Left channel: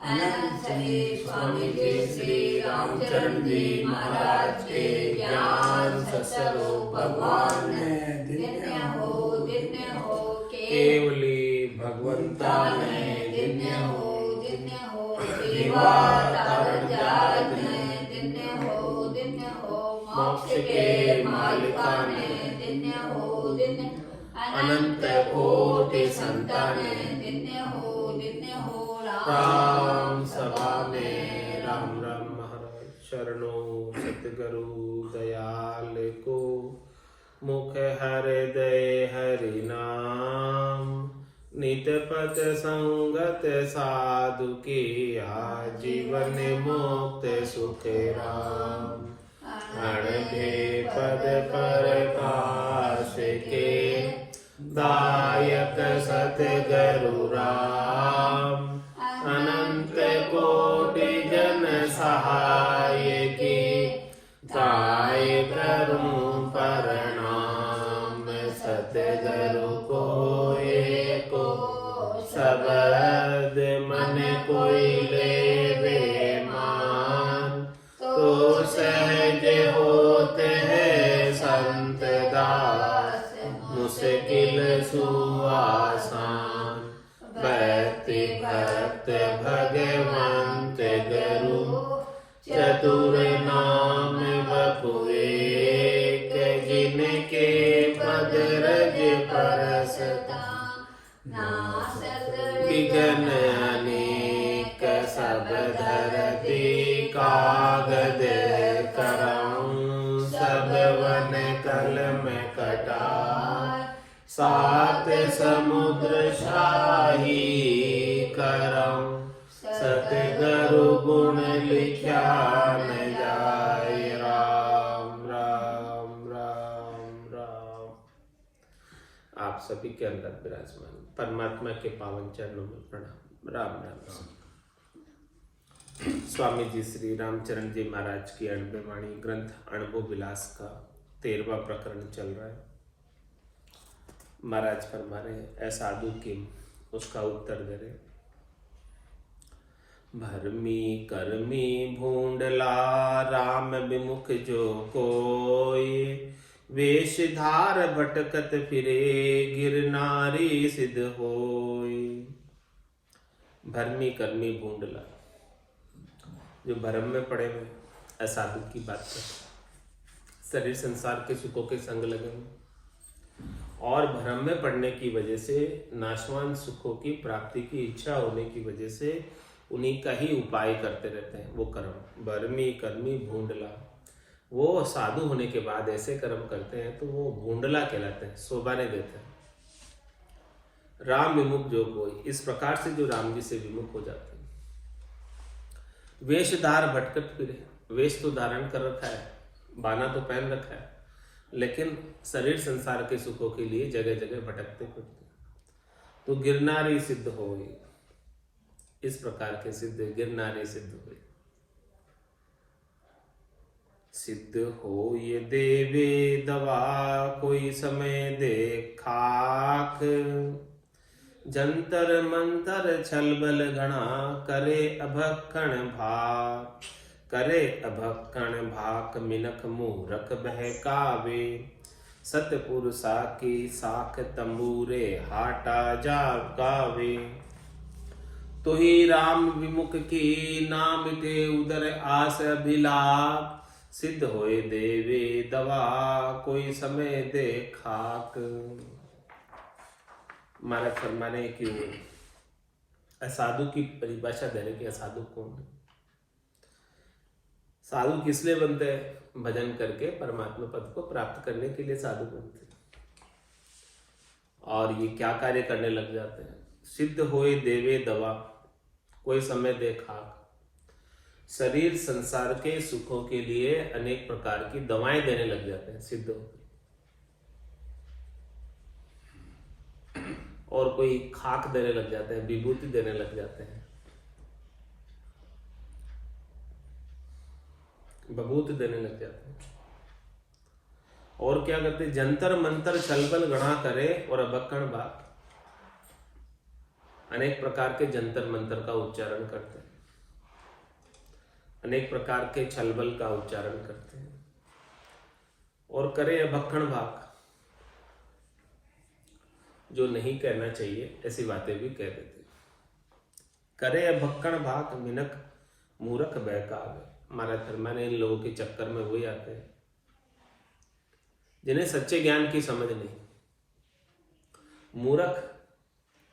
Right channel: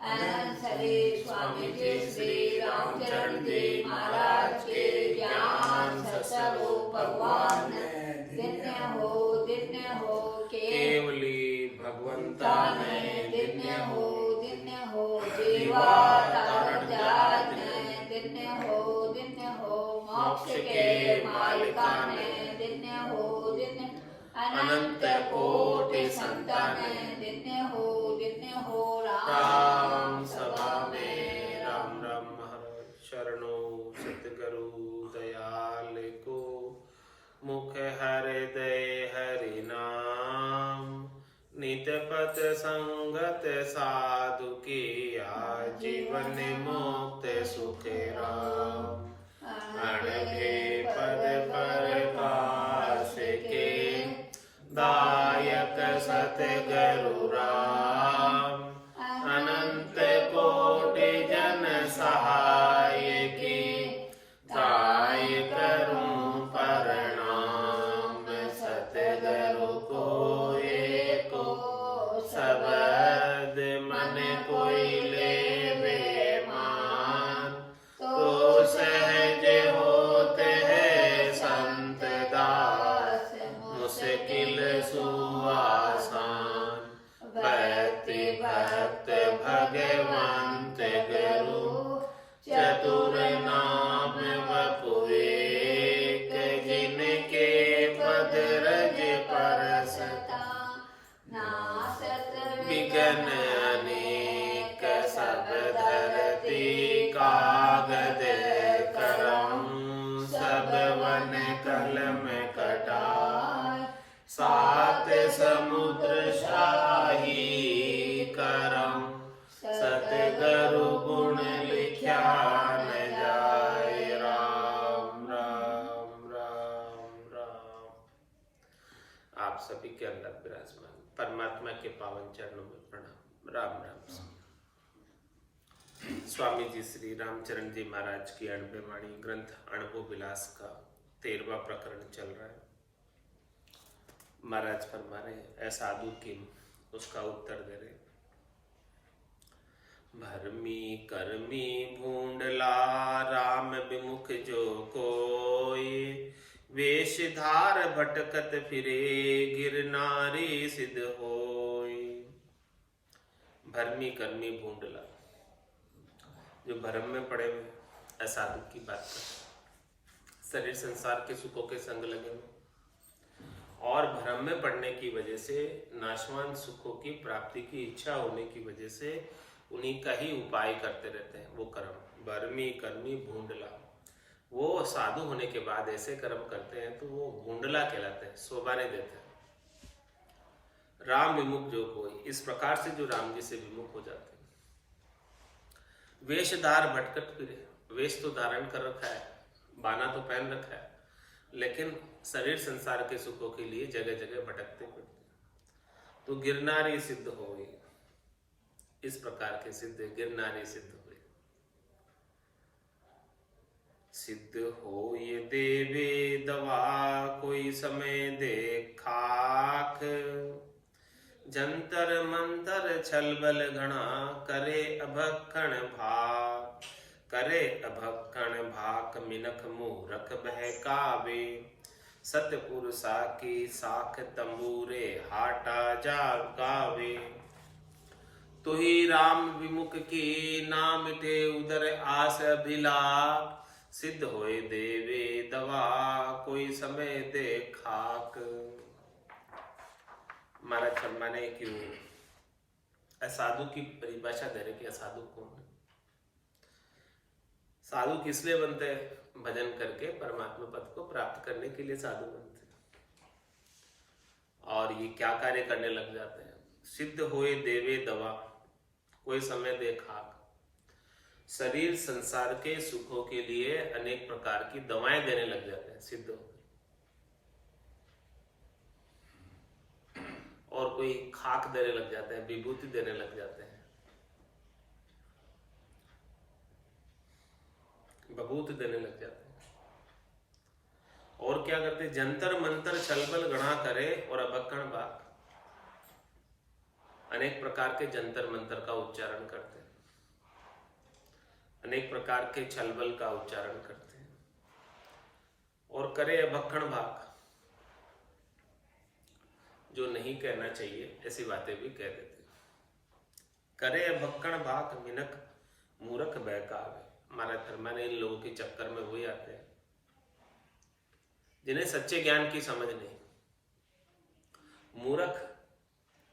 अनंत श्री स्वामी जी श्री रामचरण जी महाराज के ज्ञान स्वरूप भगवान दिन्य हो केवली भगवंता ने दिन्य हो दिवा तारण जात ने दिन्य हो मोक्ष के मालिका ने दिन्य हो अनंत कोटि संतान दिन्य हो राम सभा में राम राम महाराज शरणो सतगुरु दयाल को मुख हृदय हरि नाम नित पथ संगत साधु की जीवन मुक्त सुख राम अणभे पद प्रकाश के दायक सतगुरु राम अनंत कोटि जन सहाय की काय करूं प्रणाम सतगुरु को एको शब्द मन कोई लेवे मान तो सहज होते हैं संत दास मुश्किल सुआसान भक्ति भक्त भगवंत गुरु चतुर नाम बपुएक जिनके पद रज परसता विघ्न अनेक सब धरती कागद कराऊं सब वन कलम कटार सात समुद्र शाही कराऊं सतगुरु गुण लिखा न जाए राम राम राम राम। आप सभी के अंदर विराजमान परमात्मा के पावन चरणों में प्रणाम राम राम। स्वामी जी श्री रामचरण जी महाराज की अणबे वाणी ग्रंथ अनुभव विलास का 13वां प्रकरण चल रहा है। महाराज फरमा रहे ऐ साधु किम, उसका उत्तर दे रहे भरमी करमी भूंडला राम विमुख जो कोई वेशधार भटकत फिरे गिरनारी सिद्ध होई। भरमी करमी भूंडला जो भरम में पड़े हुए असाधु की बात करते, शरीर संसार के सुखों के संग लगे हुए और भ्रम में पड़ने की वजह से नाशवान सुखों की प्राप्ति की इच्छा होने की वजह से उन्हीं का ही उपाय करते रहते हैं। वो कर्म भरमी कर्मी भूंडला, वो साधु होने के बाद ऐसे कर्म करते हैं तो वो भूंडला कहलाते हैं, शोभा नहीं देते हैं। राम विमुख जो कोई, इस प्रकार से जो राम जी से विमुख हो जाते हैं। वेशधार भटकत फिरे, वेश तो धारण कर रखा है, बाना तो पहन रखा है, लेकिन शरीर संसार के सुखों के लिए जगह जगह भटकते फिरते तो गिरनारी सिद्ध होई। इस प्रकार के सिद्ध गिरनारी सिद्ध हुए। सिद्ध हो ये देवे दवा कोई समय दे खाक, जंतर मंतर छलबल घना करे अभक्कण भाक। करे अभक्कण भाक मिनख मूरख बहकावे, सतपुरुषा की साख तंबूरे हाटा जागावे। तो ही राम विमुख की ना मिटे उदर आस अभिलाप, सिद्ध होए देवे दवा कोई समय दे खाक। महाराज फरमाने की असाधु की परिभाषा दे रहे कि असाधु कौन है। साधु किस लिए बनते हैं? भजन करके परमात्मा पद को प्राप्त करने के लिए साधु बनते हैं। और ये क्या कार्य करने लग जाते हैं? सिद्ध होए देवे दवा कोई समय दे खाक। शरीर संसार के सुखों के लिए अनेक प्रकार की दवाएं देने लग जाते हैं सिद्ध होकर। और कोई खाक देने लग जाते हैं, विभूति देने लग जाते हैं, विभूति देने लग जाते हैं। और क्या करते हैं? जंतर मंतर छलबल गणा करे और अभक्कण भाग। अनेक प्रकार के जंतर मंतर का उच्चारण करते हैं, अनेक प्रकार के छलबल का उच्चारण करते हैं, और करे अभक्खण भाग, जो नहीं कहना चाहिए ऐसी बातें भी कह देते हैं। करे अभक्खण भाग मिनक मूर्ख बहकावे। हमारा धर्म ने इन लोगों के चक्कर में वही आते हैं जिन्हें सच्चे ज्ञान की समझ नहीं। मूर्ख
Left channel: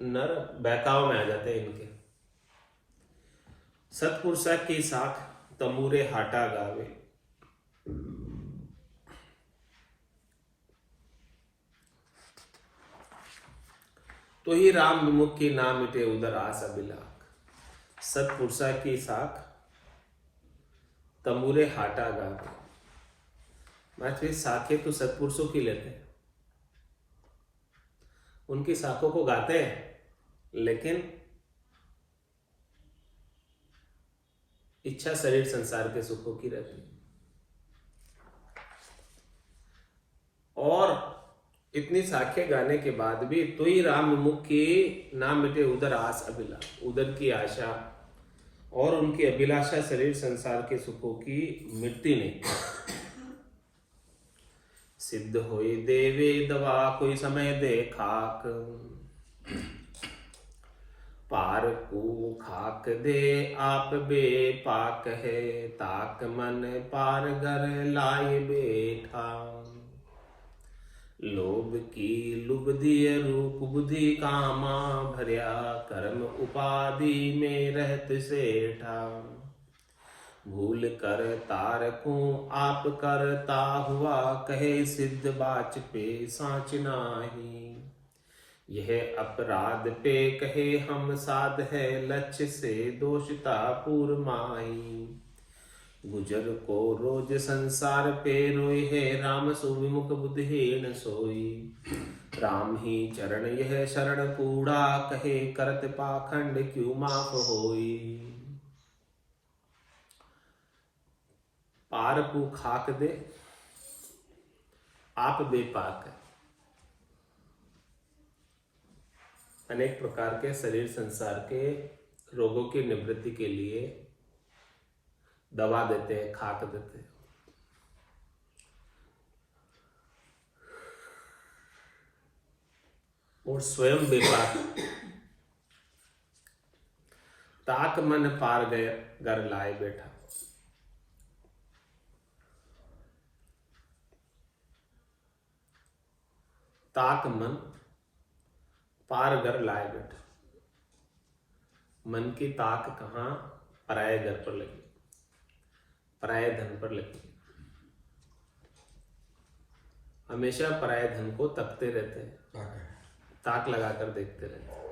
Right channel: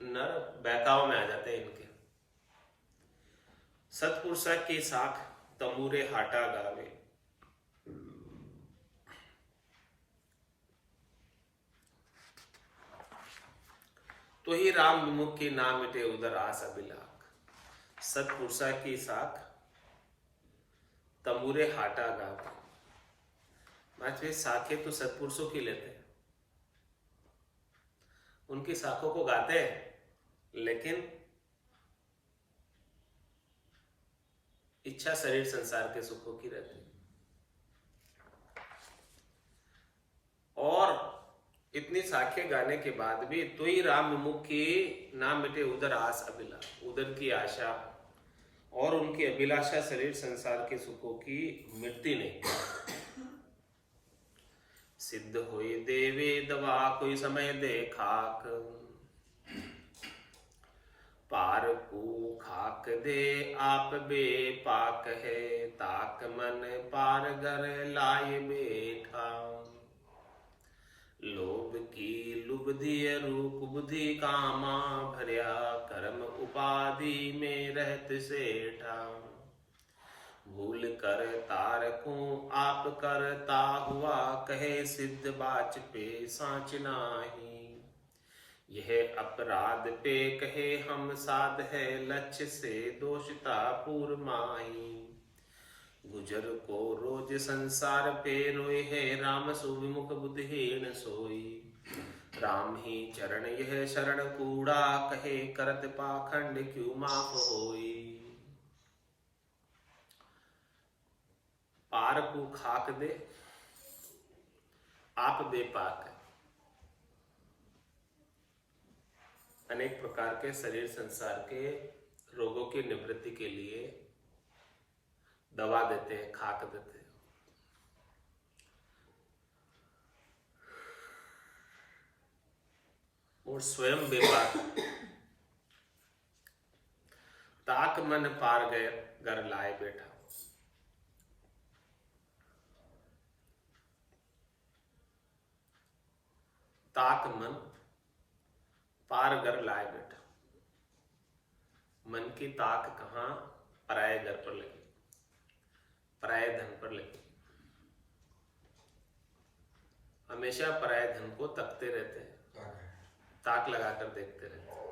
नर बहकाव में आ जाते हैं इनके। सतपुरुषा की साख तमूरे हाटा गावे। तो ही राम विमुख की ना मिटे उदर आस अभिलाख। सतपुरुषा की साख तमूरे हाटा गावे। माचे साखें तो सतपुरुषों की लेते हैं, उनकी साखों को गाते हैं, लेकिन इच्छा शरीर संसार के सुखों की रहती है। और इतनी साखें गाने के बाद भी तो ही राम विमुख की ना मिटे उदर आस अभिलाष। उदर की आशा और उनकी अभिलाषा शरीर संसार के सुखों की मिटती नहीं। सिद्ध होए देवे दवा कोई समय दे खाक। पार को खाक दे आप बे पाक है। ताक मन पार घर लाए बैठा। लोभ की लुब्धि रूप बुद्धि कामा भर्या। कर्म उपाधि में रहत सेठा। भूल कर तारकू आप करता हुआ कहे सिद्ध बाच पे सांच नाही। यह अपराध पे कहे हम साध है लक्ष्य से दोषता पूर माही। गुजर को रोज संसार पे रोए है राम सो विमुख बुद्धिहीन सोई। राम ही चरण यह शरण कूड़ा कहे करत पाखंड क्यों माफ होई। पार को खाक दे आप बेपाक। अनेक प्रकार के शरीर संसार के रोगों की निवृत्ति के लिए दवा देते हैं, खाक देते हैं। और स्वयं बेपाक। ताक मन पार गए घर लाए बैठा। ताक मन पार घर लाए बैठा। मन की ताक कहां? पराये घर पर लगी, पराये धन पर लगी। हमेशा पराये धन को तकते रहते हैं, ताक लगाकर देखते रहते हैं।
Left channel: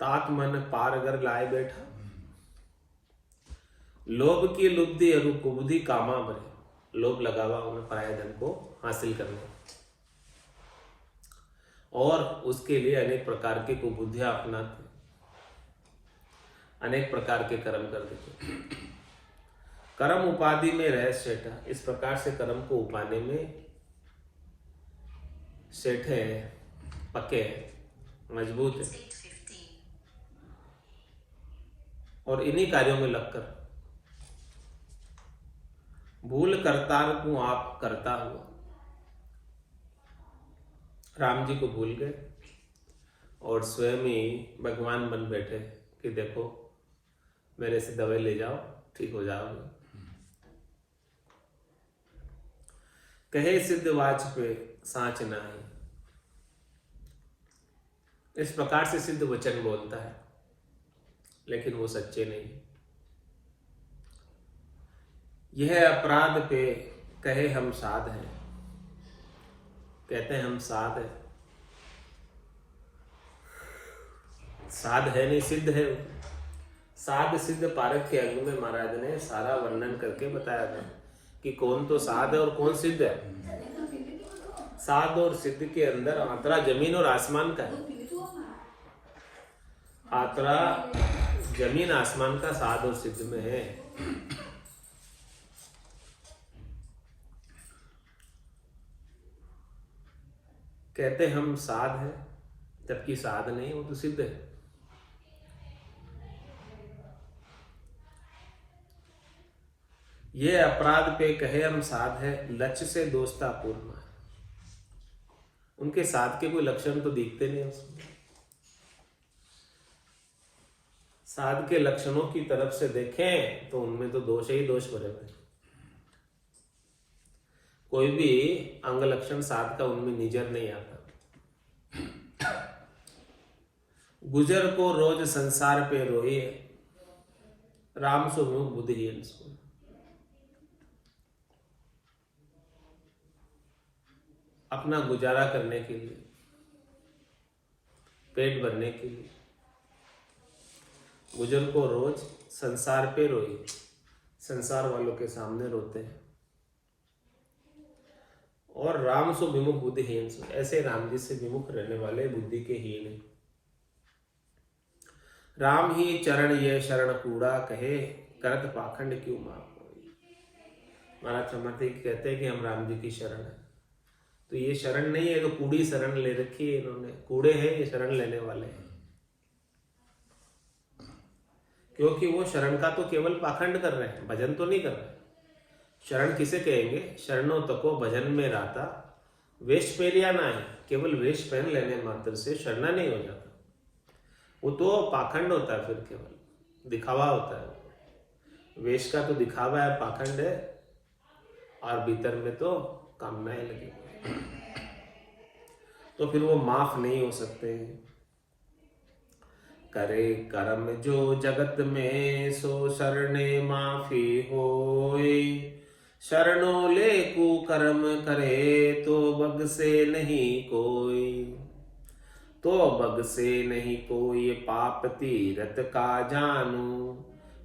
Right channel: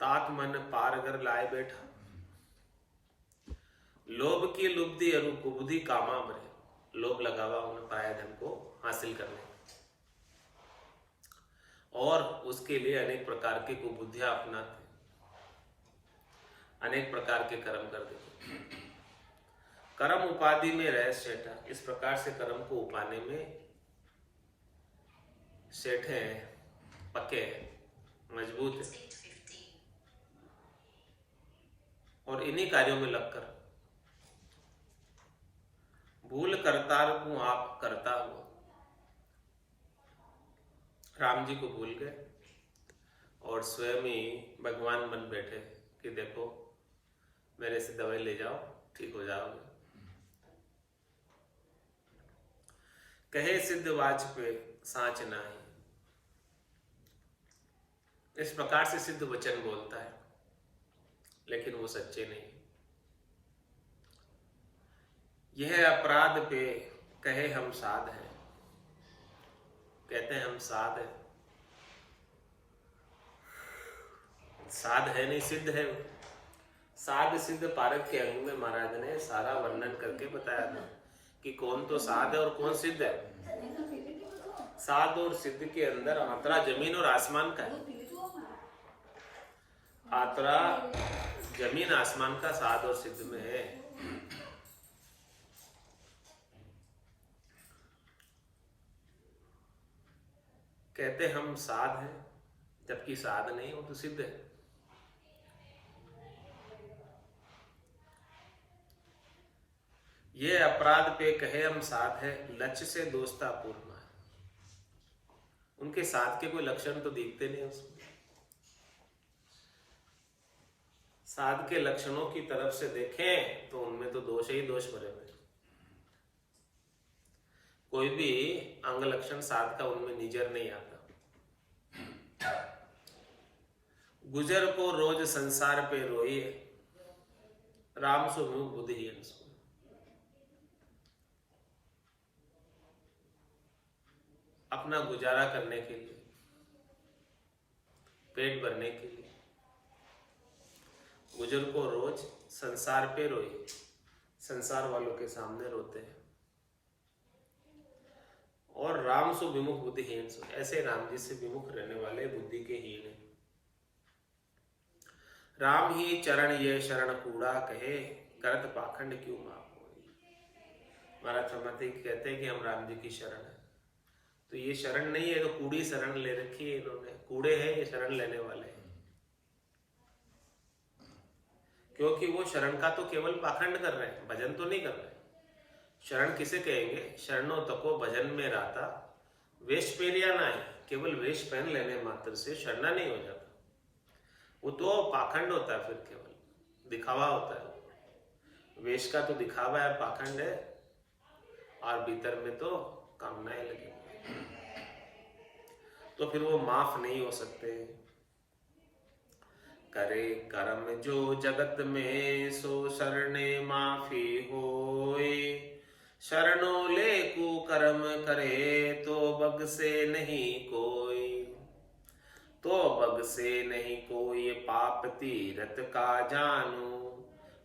ताक मन पार घर लाए बैठा। लोभ की लुब्धि और कुबुद्धि कामा भरे। लोभ लगावा उन्हें पराये धन को हासिल करने, और उसके लिए अनेक प्रकार की कुबुद्धियां अपनाते, अनेक प्रकार के कर्म कर देते। कर्म उपाधि में रह सेठा। इस प्रकार से कर्म को उपाने में सेठे हैं, पक्के हैं, मजबूत है। और इन्हीं कार्यों में लगकर भूल करतार को आप करता हुआ। राम जी को भूल गए और स्वयं ही भगवान बन बैठे कि देखो मेरे से दवाई ले जाओ, ठीक हो जाओगे। कहे सिद्ध वाच पे सांच नाही। इस प्रकार से सिद्ध वचन बोलता है, लेकिन वो सच्चे नहीं। यह अपराध पे कहे हम साध हैं। कहते हैं हम साध है, साध है नहीं, सिद्ध है। साध सिद्ध पारक के अंग में महाराज ने सारा वर्णन करके बताया था कि कौन तो साध है और कौन सिद्ध है। साध और सिद्ध के अंदर आतरा जमीन और आसमान का है। आतरा जमीन आसमान का साध और सिद्ध में है। कहते हम साध है, जबकि साध नहीं, वो तो सिद्ध है। ये अपराध पे कहे हम साध है, लक्ष्य से दोस्ता पूर्ण है। उनके साध के कोई लक्षण तो दिखते नहीं उसमें। साध के लक्षणों की तरफ से देखें तो उनमें तो दोष ही दोष भरे हुए। कोई भी अंग लक्षण साध का उनमें निजर नहीं आता। गुजर को रोज संसार पे रोए, राम सो मुख बुद्धिहीन सो। अपना गुजारा करने के लिए, पेट भरने के लिए गुजर को रोज संसार पे रोए, संसार वालों के सामने रोते हैं। और राम सो विमुख बुद्धिहीन सो, ऐसे राम जी से विमुख रहने वाले बुद्धि के हीन है। राम ही चरण ये शरण कूड़ा कहे, करत पाखंड क्यों माफ होई। महाराज समर्थी कहते हैं कि हम राम जी की शरण है, तो ये शरण नहीं है, तो कूड़ी शरण ले रखी है इन्होंने। कूड़े हैं ये शरण लेने वाले हैं, क्योंकि वो शरण का तो केवल पाखंड कर रहे हैं, भजन तो नहीं कर रहे। शरण किसे कहेंगे? शरणों तको भजन में राता, वेश पेरिया ना है। केवल वेश पहन लेने मात्र से शरणा नहीं हो जाता, वो तो पाखंड होता है, फिर केवल दिखावा होता है। वेश का तो दिखावा है, पाखंड है, और भीतर में तो कामनाएं लगी, तो फिर वो माफ नहीं हो सकते। करे कर्म जो जगत में, सो शरणे माफी होए। शरणों ले कुकर्म करे, तो बग से नहीं कोई। तो बग से नहीं कोई, पाप तीरथ का जानू।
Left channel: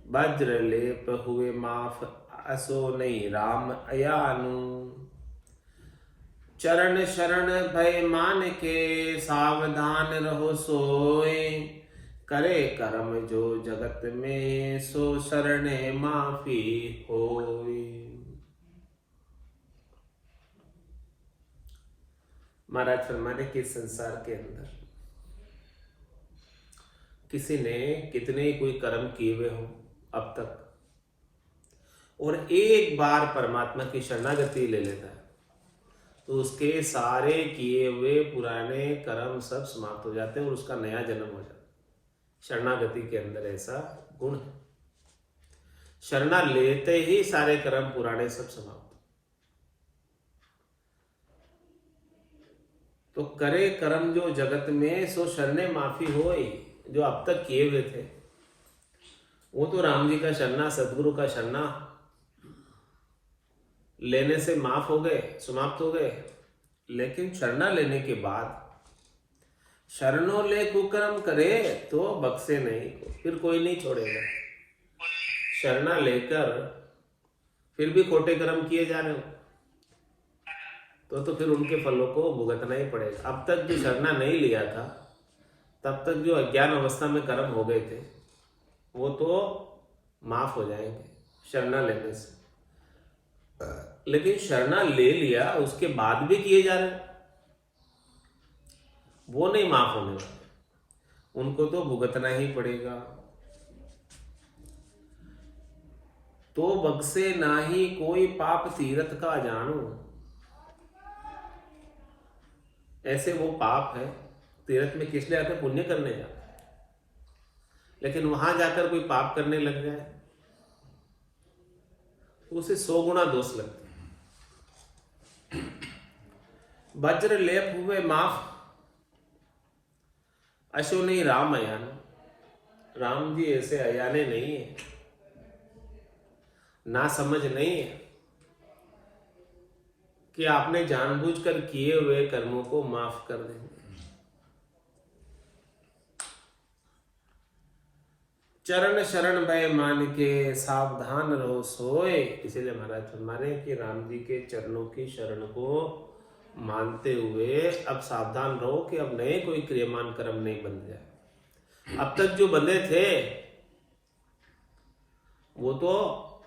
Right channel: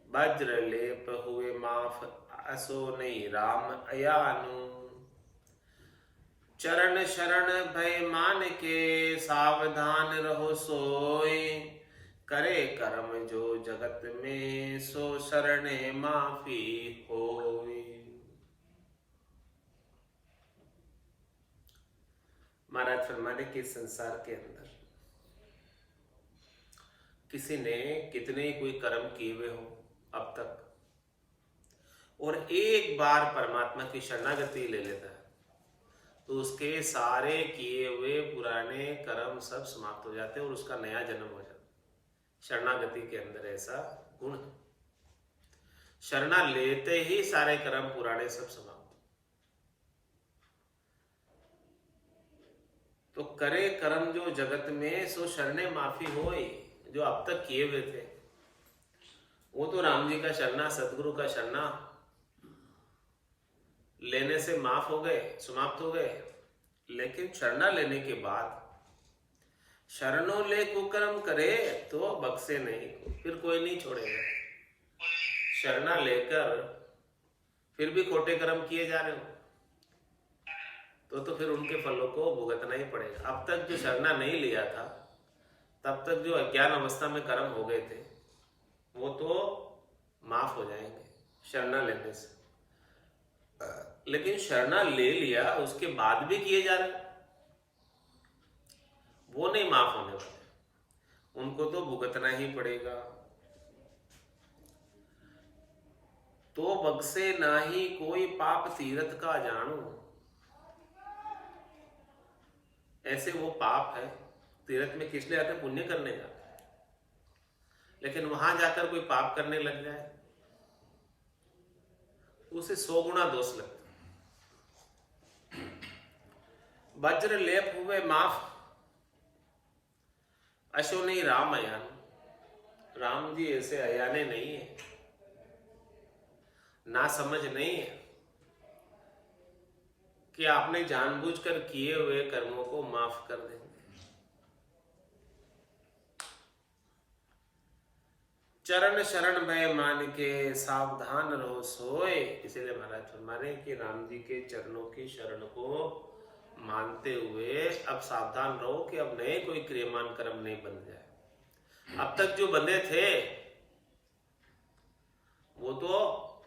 वज्र लेप हुए माफ, असो नहीं राम अयानु। चरण शरण भय मान के, सावधान रहो सोए। करे कर्म जो जगत में, सो शरणे माफी होई। महाराज फरमाने कि संसार के अंदर किसी ने कितने ही कोई कर्म किए हुए हो अब तक, और एक बार परमात्मा की शरणागति ले लेता है, तो उसके सारे किए हुए पुराने कर्म सब समाप्त हो जाते हैं और उसका नया जन्म हो जाता है। शरणागति के अंदर ऐसा गुण है। शरणा लेते ही सारे कर्म पुराने सब समाप्त। तो करे कर्म जो जगत में, सो शरणे माफी होई। जो अब तक किए हुए थे वो तो राम जी का शरणा, सदगुरु का शरणा लेने से माफ हो गए, समाप्त हो गए। लेकिन शरणा लेने के बाद शरणों ले कुकर्म करे, तो बख्शे नहीं, फिर कोई नहीं छोड़ेगा। शरणा लेकर फिर भी खोटे कर्म किए जा रहे हो, तो फिर उनके फलों को भुगतना ही पड़ेगा। अब तक जो शरणा नहीं लिया था, तब तक जो अज्ञान अवस्था में कर्म हो गए थे, वो तो माफ हो जाएंगे शरणा लेने से। लेकिन शरणा ले लिया, उसके बाद भी किए जा रहे, वो नहीं माफ होने वाले, उनको तो भुगतना ही पड़ेगा। तो बख्शे नाही कोई, पाप तीरथ का जानू। ऐसे वो पाप है, तीर्थ में किस लिए आते? पुण्य करने जाते हैं। लेकिन वहां जाकर कोई पाप करने लग जाए तो उसे 100 गुना दोष लगता है। वज्र लेप हुए माफ, अशो नहीं राम अयान। राम जी ऐसे अयाने नहीं है, ना समझ नहीं है कि आपने जानबूझकर किए हुए कर्मों को माफ कर देंगे। चरण शरण भय मान के, सावधान रहो सोए। इसीलिए महाराज फरमाने कि राम जी के चरणों की शरण को मानते हुए अब सावधान रहो कि अब नए कोई क्रियमान कर्म नहीं बन जाए। अब तक जो बंधे थे वो तो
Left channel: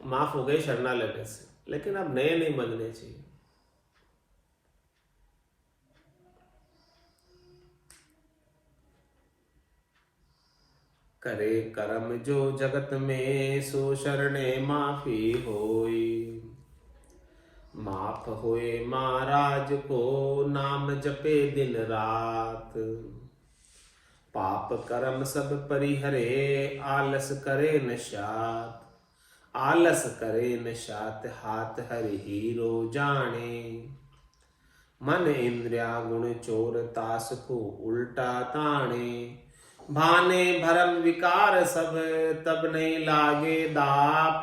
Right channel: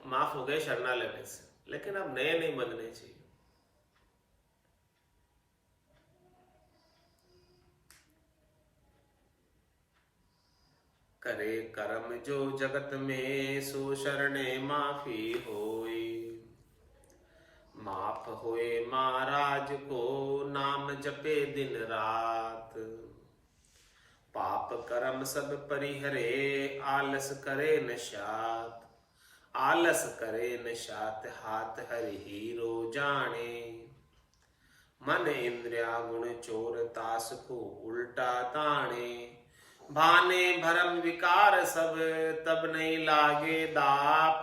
माफ हो गए शरणा लेने से, लेकिन अब नए नहीं बंधने चाहिए। करे कर्म जो जगत में, सो शरणे माफी होई। माफ होए महाराज को, नाम जपे दिन रात। पाप कर्म सब परिहरे, आलस करे न शात। आलस करे न शात, हाथ हरि हीरो जाने। मन इंद्रिया गुण चोर, तास को उल्टा ताने। भाने भरम विकार सब, तब नहीं लागे दाप।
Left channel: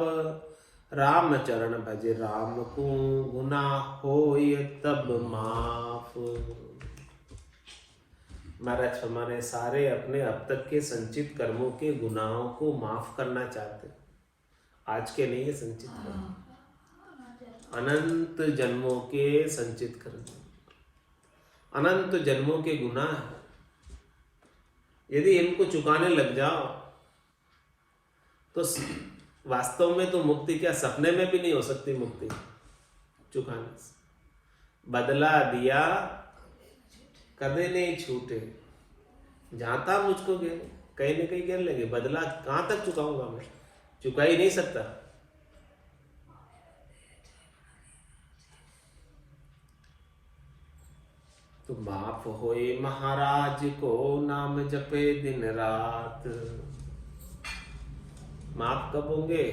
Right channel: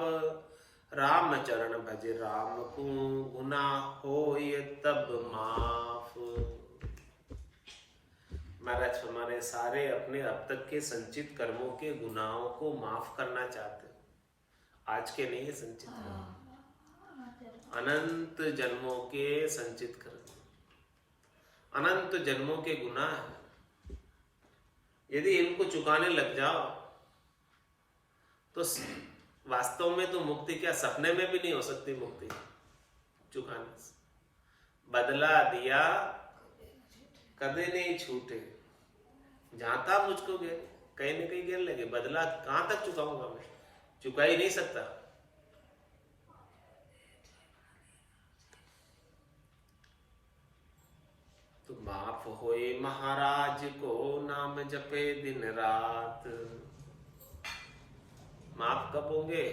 राम चरण भज राम को, गुनाह होय तब माफ। महाराज हमारे सारे अपने अब तक के संचित कर्मों के गुनाहों को माफ करना चाहते, आज के नहीं है संचित कर्म, अनंत जन्मों के संचित कर्म, अनंत जन्मों के गुनाह है। यदि इनको चुकाने लग जाओ तो वास्तव में तो मुक्ति क्या, सपने में भी नहीं हो सकती मुक्ति चुकाने से। बदला दिया कभी नहीं छूटे, जहां था मुझको घेर, कहीं ना कहीं घेर लगे। बदला कहां तक चुकाऊंगा मैं, चुका ही नहीं सकता। तो माफ होए महाराज को, नाम जपे दिन रात। माफ कब होंगे,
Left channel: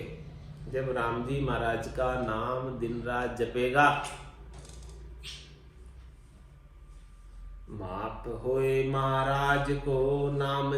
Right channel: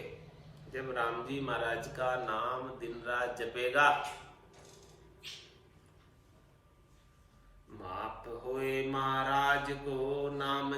जब राम जी महाराज का नाम दिन रात जपेगा। माफ होए महाराज को, नाम